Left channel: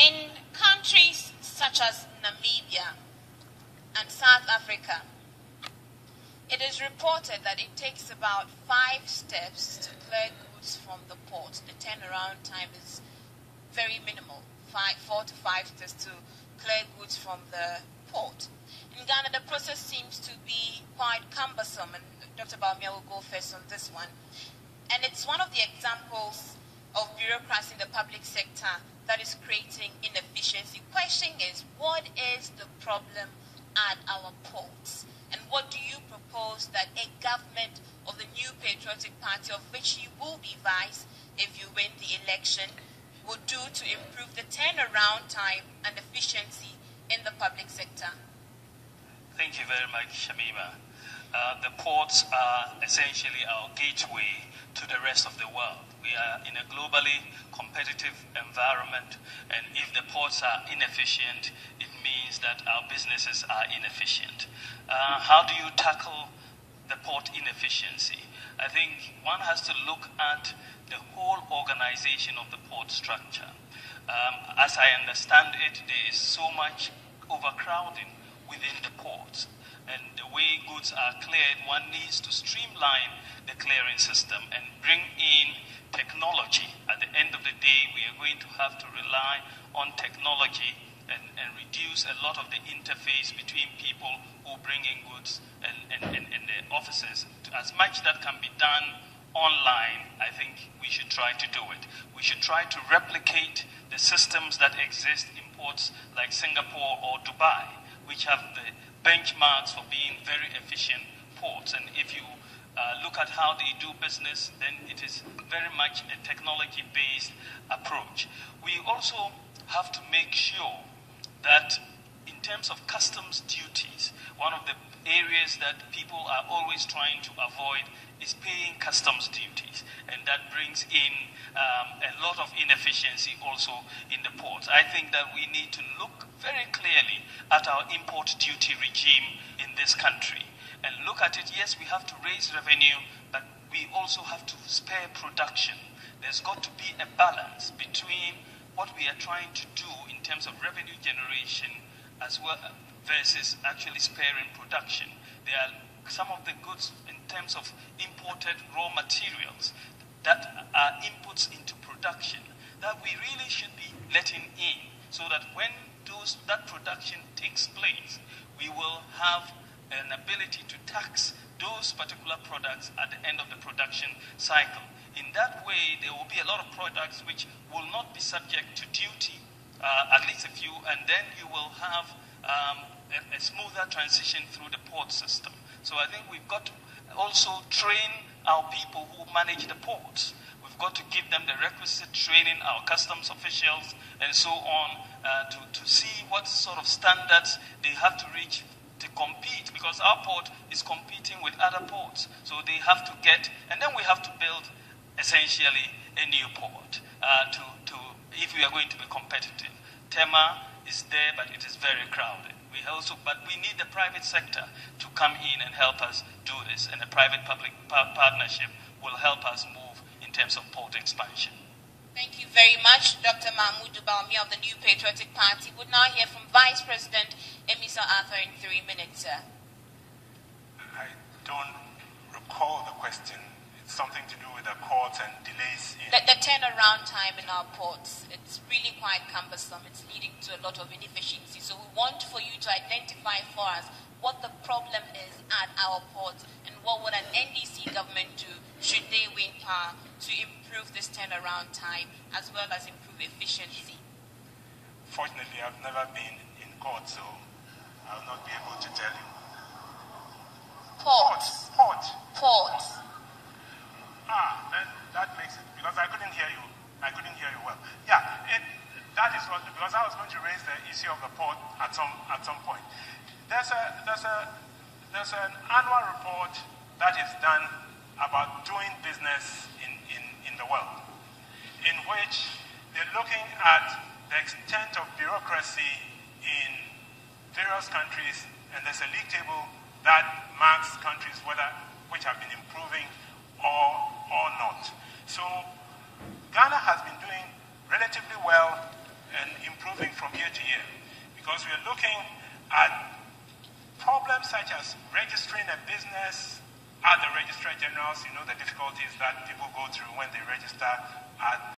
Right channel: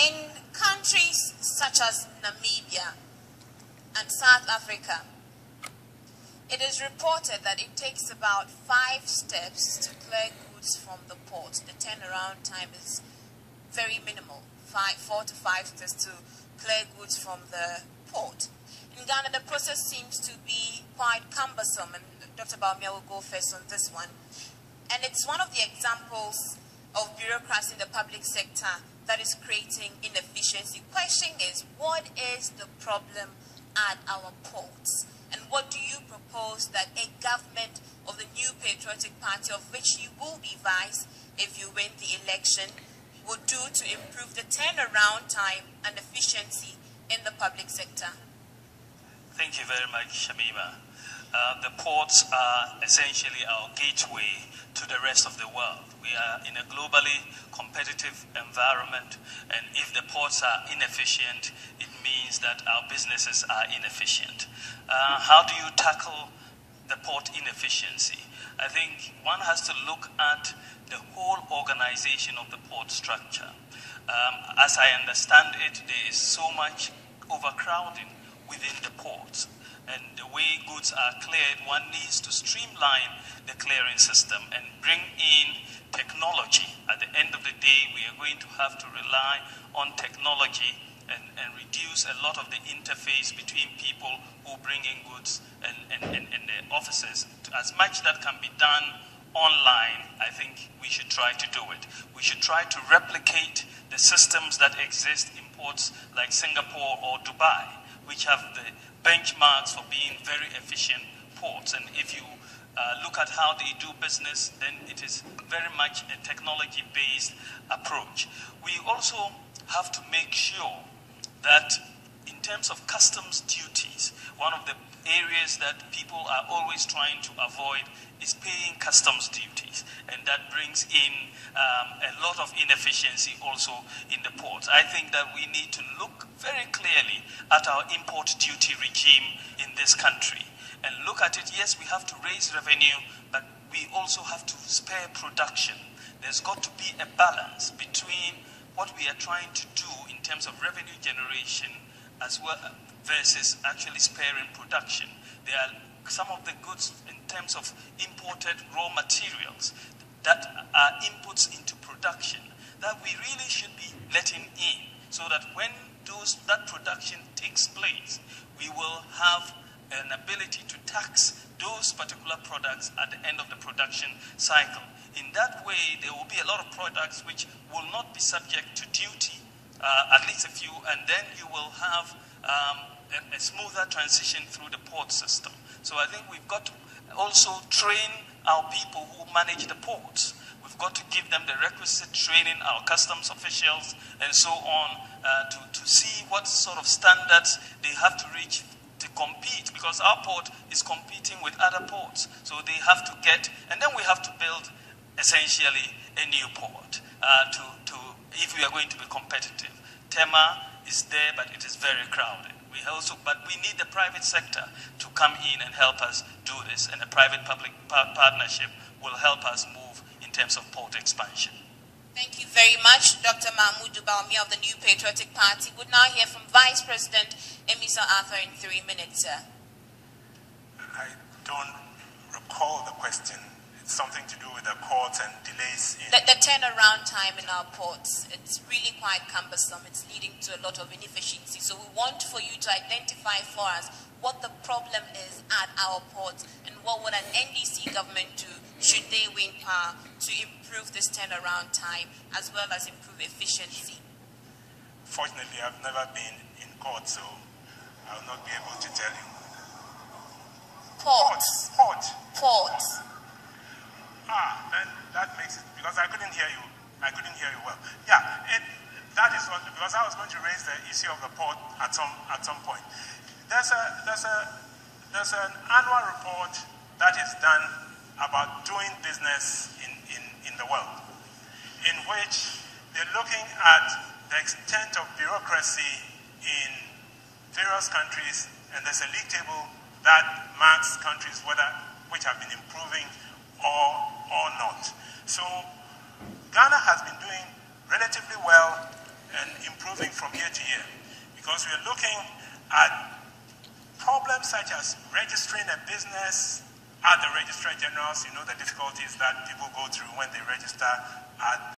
In countries such as Namibia and South Africa, it is reported that it takes about 5 steps to clear goods from the port. The turnaround time is very minimal, 4 to 5 steps to clear goods from the port. In Ghana, the process seems to be quite cumbersome, and Dr. Bawumia will go first on this one. And it's one of the examples of bureaucracy in the public sector that is creating inefficiency. The question is, what is the problem at our ports? And what do you propose that a government of the New Patriotic Party, of which you will be vice if you win the election, would do to improve the turnaround time and efficiency in the public sector? Thank you very much, Shamima. The ports are essentially our gateway to the rest of the world. We are in a globally competitive environment, and if the ports are inefficient, it means that our businesses are inefficient. How do you tackle the port inefficiency? I think one has to look at the whole organization of the port structure. As I understand it, there is so much overcrowding within the ports. And the way goods are cleared, one needs to streamline the clearing system and bring in technology. At the end of the day, we are going to have to rely on technology and reduce a lot of the interface between people who bring in goods and the offices. As much that can be done online, I think we should try to do it. We should try to replicate the systems that exist in ports like Singapore or Dubai, which have the benchmarks for being very efficient ports. And if you look at how they do business, then it is very much a technology-based approach. We also have to make sure that in terms of customs duties, one of the areas that people are always trying to avoid is paying customs duties, and that brings in a lot of inefficiency also in the ports. I think that we need to look very clearly at our import duty regime in this country and look at it. Yes, we have to raise revenue, but we also have to spare production. There's got to be a balance between what we are trying to do in terms of revenue generation as well versus actually sparing production. There are some of the goods in terms of imported raw materials that are inputs into production that we really should be letting in, so that when that production takes place, we will have an ability to tax those particular products at the end of the production cycle. In that way, there will be a lot of products which will not be subject to duty, at least a few, and then you will have a smoother transition through the port system. So I think we've got to also train our people who manage the ports. We've got to give them the requisite training, our customs officials and so on, to see what sort of standards they have to reach to compete, because our port is competing with other ports. So they have to get, and then we have to build essentially a new port if we are going to be competitive. Tema is there, but it is very crowded. But we need the private sector to come in and help us do this, and a private-public partnership will help us move in terms of port expansion. Thank you very much, Dr. Mahmoud Bawumia of the New Patriotic Party. We'll now hear from Vice President Amissah Arthur in 3 minutes, sir. I don't recall the question. It's something to do with the courts and delays in... The turnaround time in our ports, it's really quite cumbersome. It's leading to a lot of inefficiency. So we want for you to identify for us what the problem is at our ports and what would an NDC government do should they win power to improve this turnaround time as well as improve efficiency. Fortunately, I've never been in court, so I'll not be able to tell you. Ports. Ports. Then that makes it, because I couldn't hear you well. Yeah, that is what, because I was going to raise the issue of the port at some point. There's an annual report that is done about doing business in the world, in which they're looking at the extent of bureaucracy in various countries, and there's a league table that marks countries which have been improving or not. So Ghana has been doing relatively well and improving because we're looking at problems such as registering a business at the Registrar General's, the difficulties that people go through when they register at